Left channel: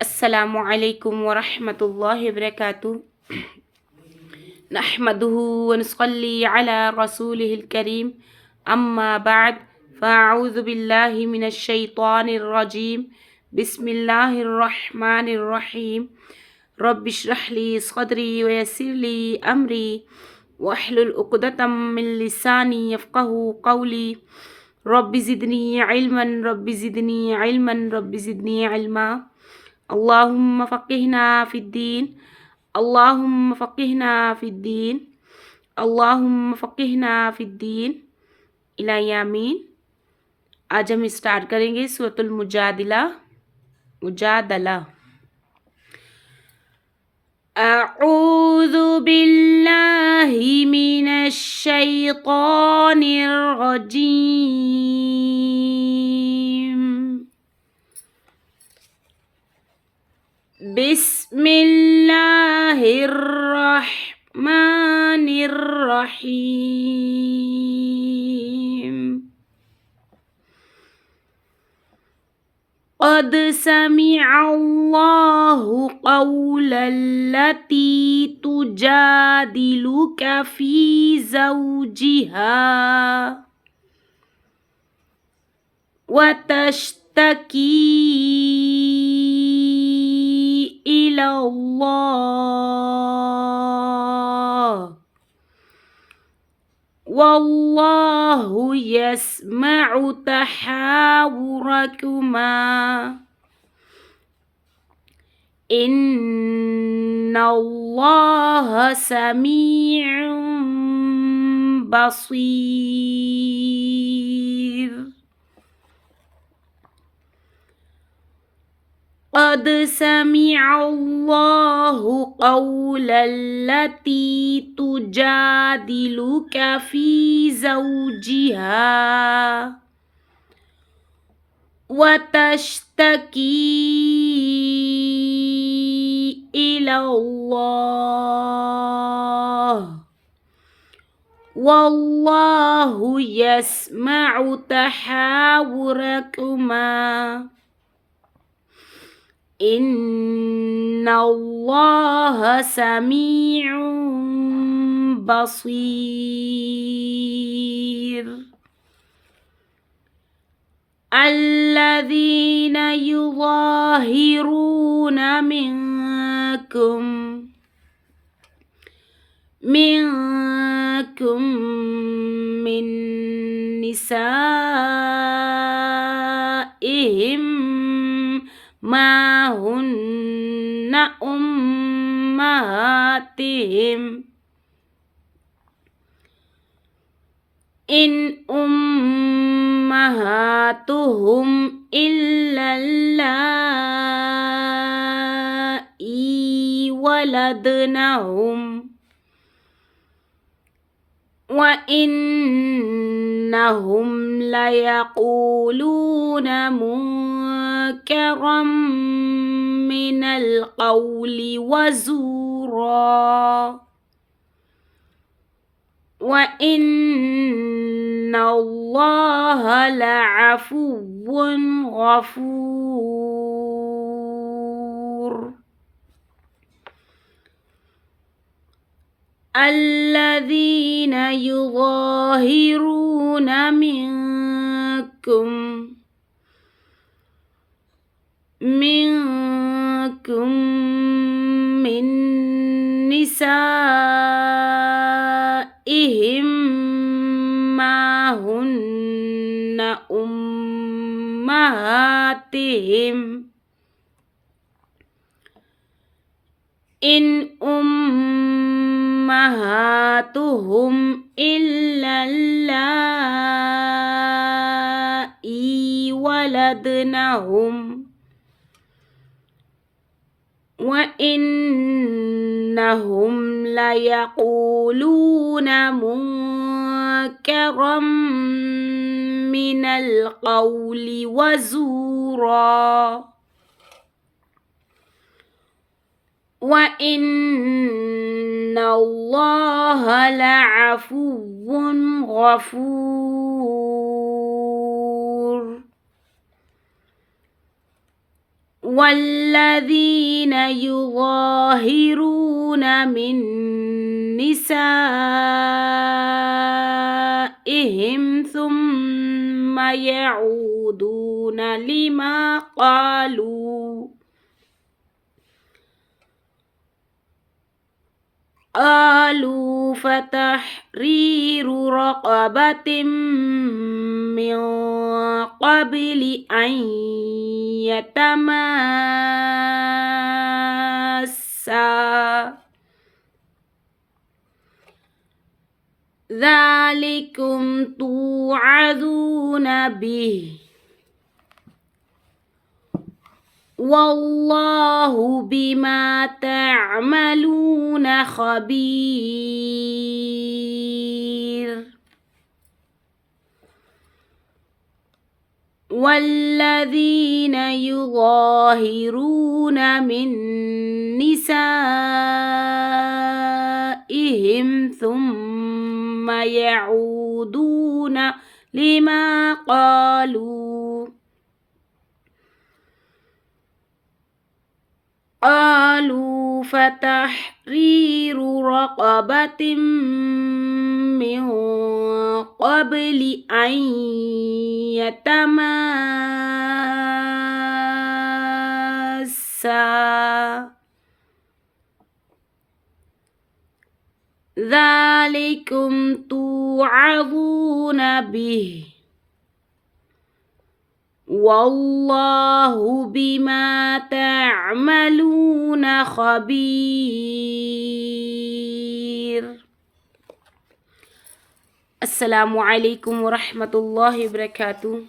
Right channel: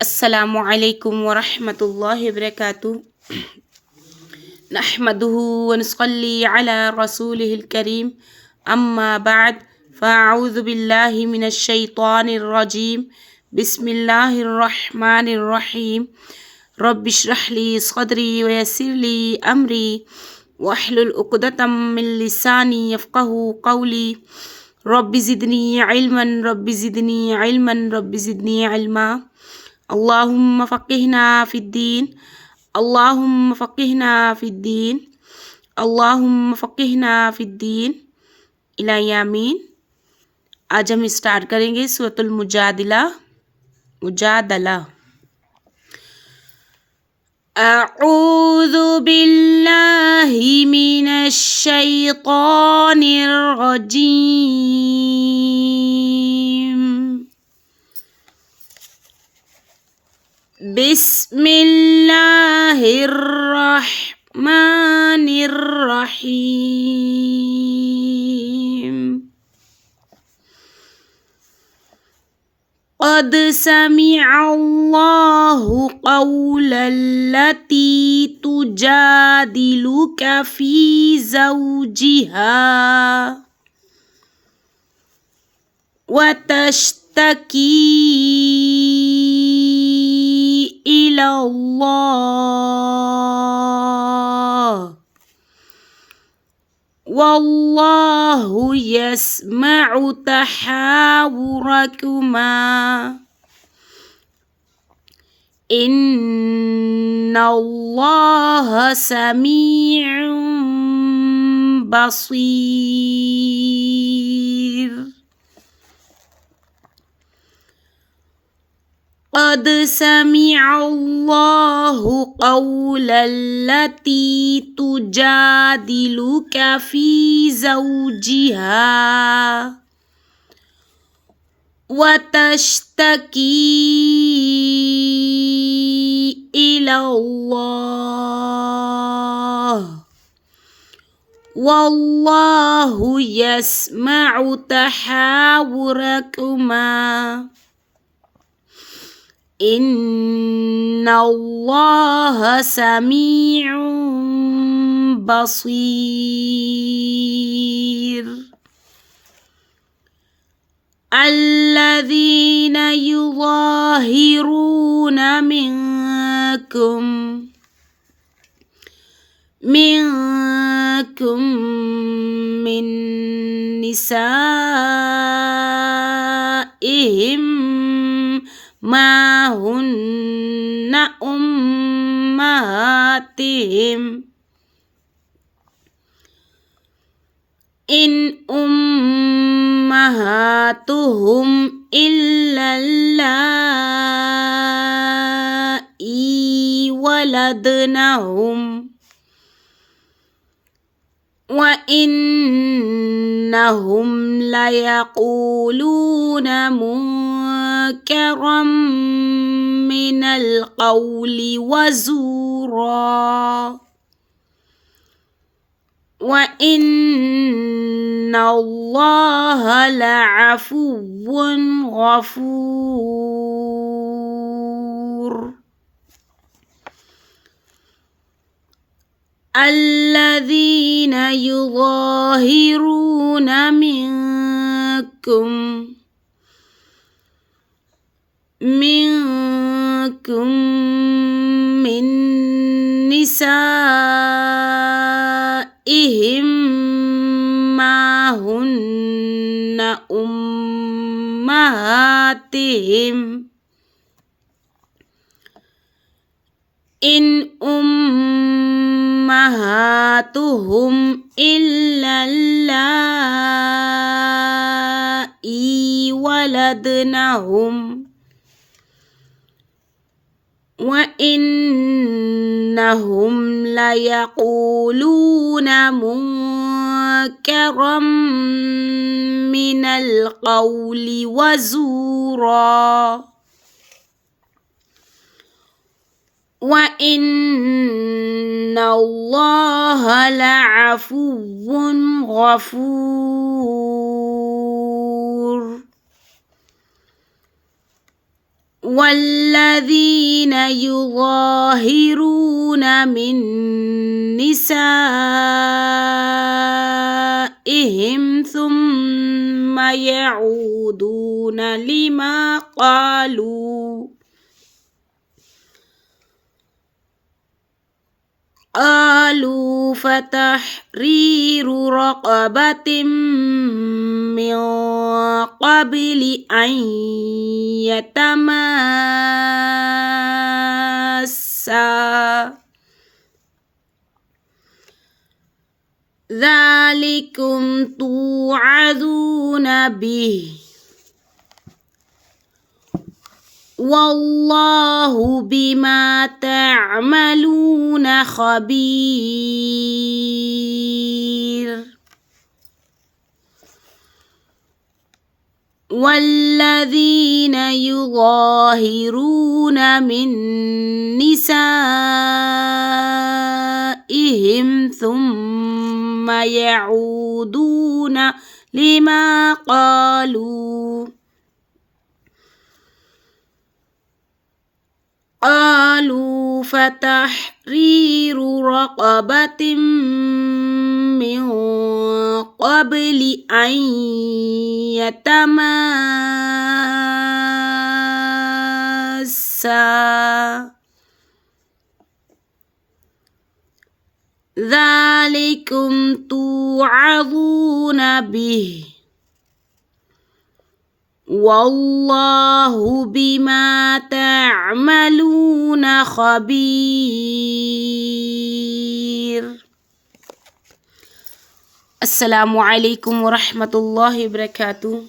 अस्सलामु अलैकुम वरहमतुल्लाहि वबरकातुहू नहमदुहू व नुसल्ली अला रसूलिहिल करीम अम्मा बाद फ़अऊज़ु बिल्लाहि मिनश शैतानिर रजीम बिस्मिल्लाहिर रहमानिर रहीम रब्बि इश्रह ली सदरी व यस्सिर ली अमरी वहलुल उक़दतम मिन लिसानी यफ़क़हू क़ौली रब्बि ज़िदनी इल्मा अल्लाहुम्मा फ़क़िहना फ़िद्दीन अल्लाहुम्मा फ़क़िहना फ़िद्दीन अल्लाहुम्मा फ़क़िहना फ़िद्दीन इला यामीन। आज हम स्टार्ट करेंगे सूरतुल मुजादला। अऊज़ु बिल्लाहि मिनश शैतानिर रजीम बिस्मिल्लाहिर्रहमानिर्रहीम क़द समिअल्लाहु क़ौलल्लती तुजादिलुका फ़ी ज़ौजिहा वतश्तकी इलल्लाह वल्लाहु यस्मअु तहावुरकुमा इन्नल्लाहा समीउन बसीर। क़द समिअल्लाहु क़ौलल्लती तुजादिलुका फ़ी ज़ौजिहा वतश्तकी इलल्लाह वल्लाहु यस्मअु तहावुरकुमा इन्नल्लाहा समीउन बसीर। अल्लज़ीना युज़ाहिरून मिनकुम मिन निसाइहिम मा हुन्ना उम्माहातिहिम इन उम्माहातुहुम इल्लल्लाई वलदनहुम व इन्नहुम लयक़ूलून मुनकरम मिनल क़ौलि वज़ूरा व इन्नल्लाहा लअफ़ुव्वुन गफ़ूर। अल्लज़ीना युज़ाहिरून मिनकुम मिन निसाइहिम मा हुन्ना उम्माहातिहिम इन उम्माहातुहुम इल्लल्लाई वलदनहुम व इन्नहुम लयक़ूलून मुनकरम मिनल क़ौलि वज़ूरा व इन्नल्लाहा लअफ़ुव्वुन गफ़ूर। والذين يظاهرون من نسائهم ثم يعودون لما قالوا فتحرير رقبة من قبل أن يتماسا ذلكم توعظون به والله بما تعملون خبير والذين يظاهرون من نسائهم ثم يعودون لما قالوا فتحرير رقبة من قبل أن يتماسا ذلكم توعظون به والله بما تعملون خبير. السلام عليكم ورحمة الله وبركاته.